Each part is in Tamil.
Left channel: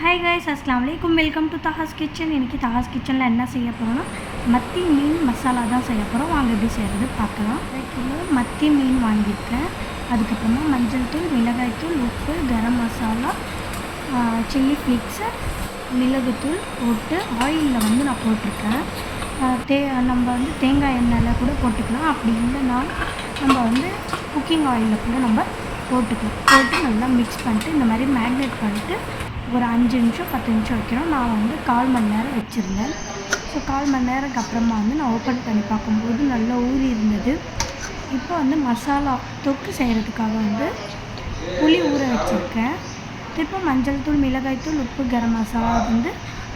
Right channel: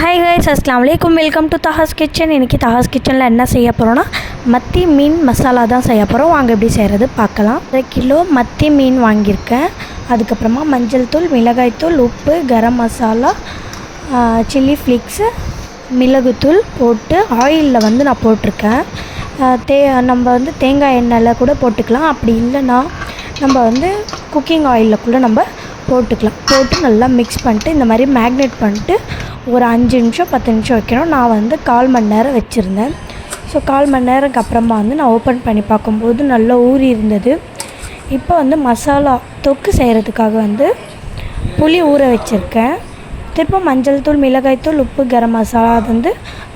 ஹாய் கைஸ், அஸ்ஸலாமு அலைக்கும். Welcome to Taha's kitchen. இன்றைக்கி தஹாஸ் கிச்சனில் என்ன செய்ய போகிறோன்னா மத்தி மீன் மசாலா தான் செய்ய போகிறோம். வாங்க எப்படி செய்கிறது பார்க்கலாம். 1 கிலோ மத்தி மீன் வாங்கியிருக்கேன். அதுக்கப்புறமா மஞ்சள் தூள், மிளகாய் தூள், உப்பு, கரம் மசாலா, சில்லி ஃப்ளிக்ஸு, மிளகுத்தூள் போட்டு ஆயிலில் நான் போட்டிருக்கேன். நம்ம தேங்காய் எண்ணெயில் கூட போட்டுக்கலாம். அப்படி இல்லைன்னா நம்ம குக்கிங் ஆயிலில் கூட நம்ம போட்டுக்கலாம். போட்டு நல்லா மிக்ஸ் பண்ணிட்டு இந்த மாதிரி மேக்னேட் பண்ணிட்டு ஒரு 5 நிமிஷம் 10 நிமிஷம் வைக்கணும். நான் 1/4 மணி நேரம் வச்சுருந்தேன். ஸோ 1/4 மணி நேரத்துக்கு அப்புறமா நான் ஓப்பன் பண்ணி பார்க்கும்போது நல்லா ஊறி இருந்தது. இப்போ மசாலா தொக்கு செய்கிறதுக்காக புளி ஊற வச்சுருக்கேன். திரும்ப மஞ்சள் தூள், மிளகாய் தூள், உப்பு, கரம் மசாலா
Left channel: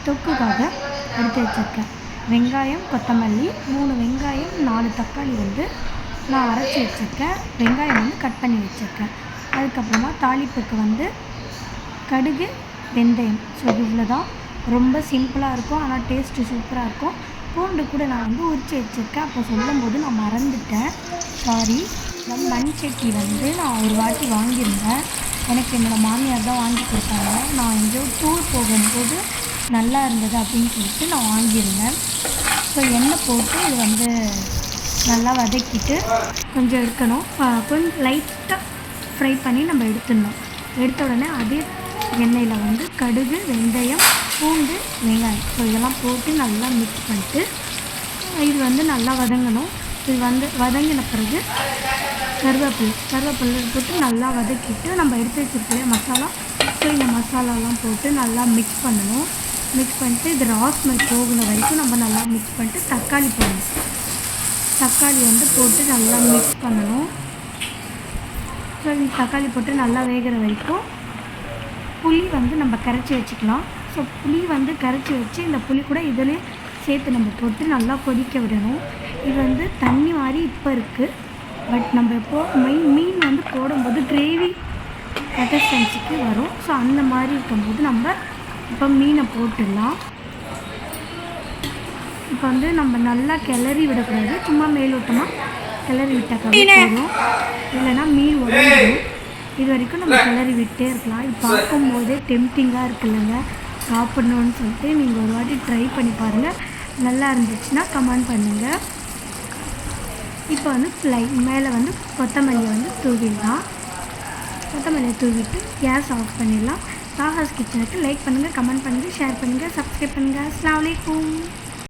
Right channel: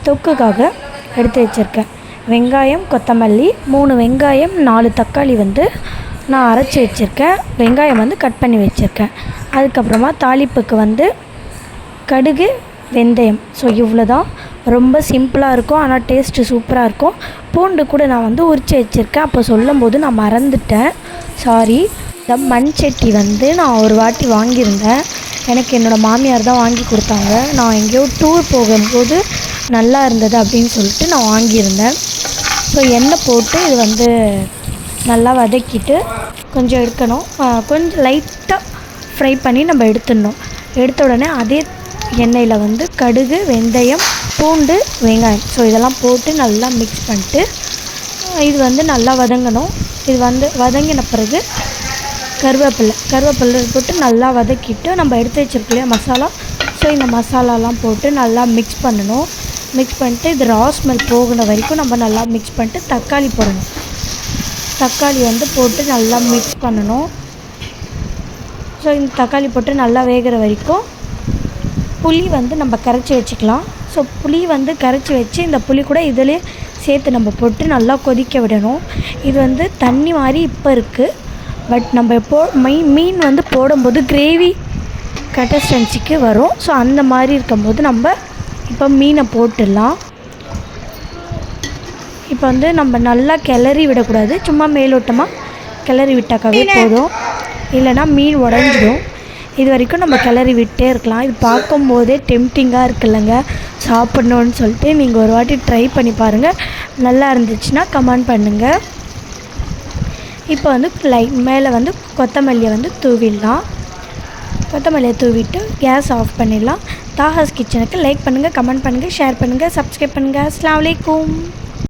தொக்குக்காக எடுத்து வச்சுருக்கேன். வெங்காயம், கொத்தமல்லி, 3 வெங்காயம், 4 தக்காளி நான் அரைச்சி வச்சுருக்கேன். வெங்காயம் கட் பண்ணி வச்சுருக்கேன். அதுக்கப்புறமா தாளிப்புக்கு கடுகு, வெந்தயம். ஸோ இவ்வளோ தான். ரொம்ப சிம்பிளாக இருக்கும், ஆனால் டேஸ்ட்டு சூப்பராக இருக்கும். பூண்டு கூட நான் உரித்து வச்சுருக்கேன். அப்போ சொல்லும் போது நான் மறந்துட்டேன், சாரி. இந்த மண் சட்டி நான் ஒரு வாட்டி வாங்கியிருந்தேன். எனக்கு என்னோடய மாமியார் தான் வாங்கி கொடுத்தாங்க. நான் எங்கேயோ டூர் போகும்போது நல்லா இருந்தது அப்படின்னு சொல்லிட்டு நான் வாங்கியிருந்தேன். ஸோ எண்ணெய் போட்டு இது நல்லா வதக்கிட்டு கொஞ்சம் எடுக்கணும். கொஞ்சம் லைட்டாக ஃப்ரை பண்ணி நம்ம எடுத்துடணும். எடுத்த உடனே அதே எண்ணெயில் கடுகு, வெந்தயம், பூண்டு, வெங்காயம், ஸோ இதெல்லாம் போட்டு நல்லா மிக்ஸ் பண்ணிட்டு இது நல்லா வதங்கணும். இது வதங்கின பிறகு கருவேப்பிலை போட்டு நல்லா வதக்கிட்டு நம்ம எடுத்து வச்சுருக்கலையா மசாலா, ஸோ இந்த மசாலாலாம் போட்டு நல்லா மிக்ஸ் பண்ணணும். மிக்ஸ் பண்ணிட்டு இது ரா ஸ்மெல் போகிற வரைக்கும் நம்ம நல்லா மிக்ஸ் பண்ணிட்டு தக்காளி போடணும். தக்காளி போட்டு நல்லா மிக்ஸ் பண்ணணும். ஸோ இந்த தக்காளி போட்டு நல்லா வேகிற வரைக்கும் புளி நம்ம கரைச்சி வச்சுக்கலாம். ஸோ புளி கரைச்சி வச்சு இந்த புளி கூட இதிலே சேர்த்து நம்ம போட்டு நல்லா கொதிக்க விடணும். இது தண்ணி மாதிரி இப்போ இருக்குது. பட் நம்ம மீன் போடும்போது கிரேவி கன்சிஸ்டன்சிக்கு வரும். ஸோ அந்த மாதிரி இருக்கும்போது நம்ம இப்போ மீனை போட்டுடலாம். இப்போ நம்ம நல்லா கிளறி விடக்கூடாது, சும்மா மேலோட்டமாக கிளறி விட்டாக்காவே போதும், இல்லைனா மீன் உடஞ்சிடும். இது வரைக்கும் நம்ம கிளறி விட்டே இருக்கலாம். இது பார்க்கும்போதே டெம்டிங்காக இருக்குல்லங்க, சாப்பிட்ணுன்னு சொல்லிட்டு நீங்கள் ஒரு வாட்டி ட்ரை பண்ணி பாருங்கள். நல்லா இருந்துச்சுன்னா கமெண்ட் பண்ணுங்கள். இப்போ மேலே கொத்தமல்லியை தூவிடலாம். கொத்தமல்லியை தூவிட்டு கேஸ் ஆஃப் பண்ணிடலாம். தாஹாஸ் கிச்சனுக்கு லைக் பண்ணுங்கள், கமெண்ட் பண்ணுங்கள், ஷேர் பண்ணுங்கள், சப்ஸ்கிரைப் பண்ணுங்கள். அஸ்ஸலாமு அலைக்கும்.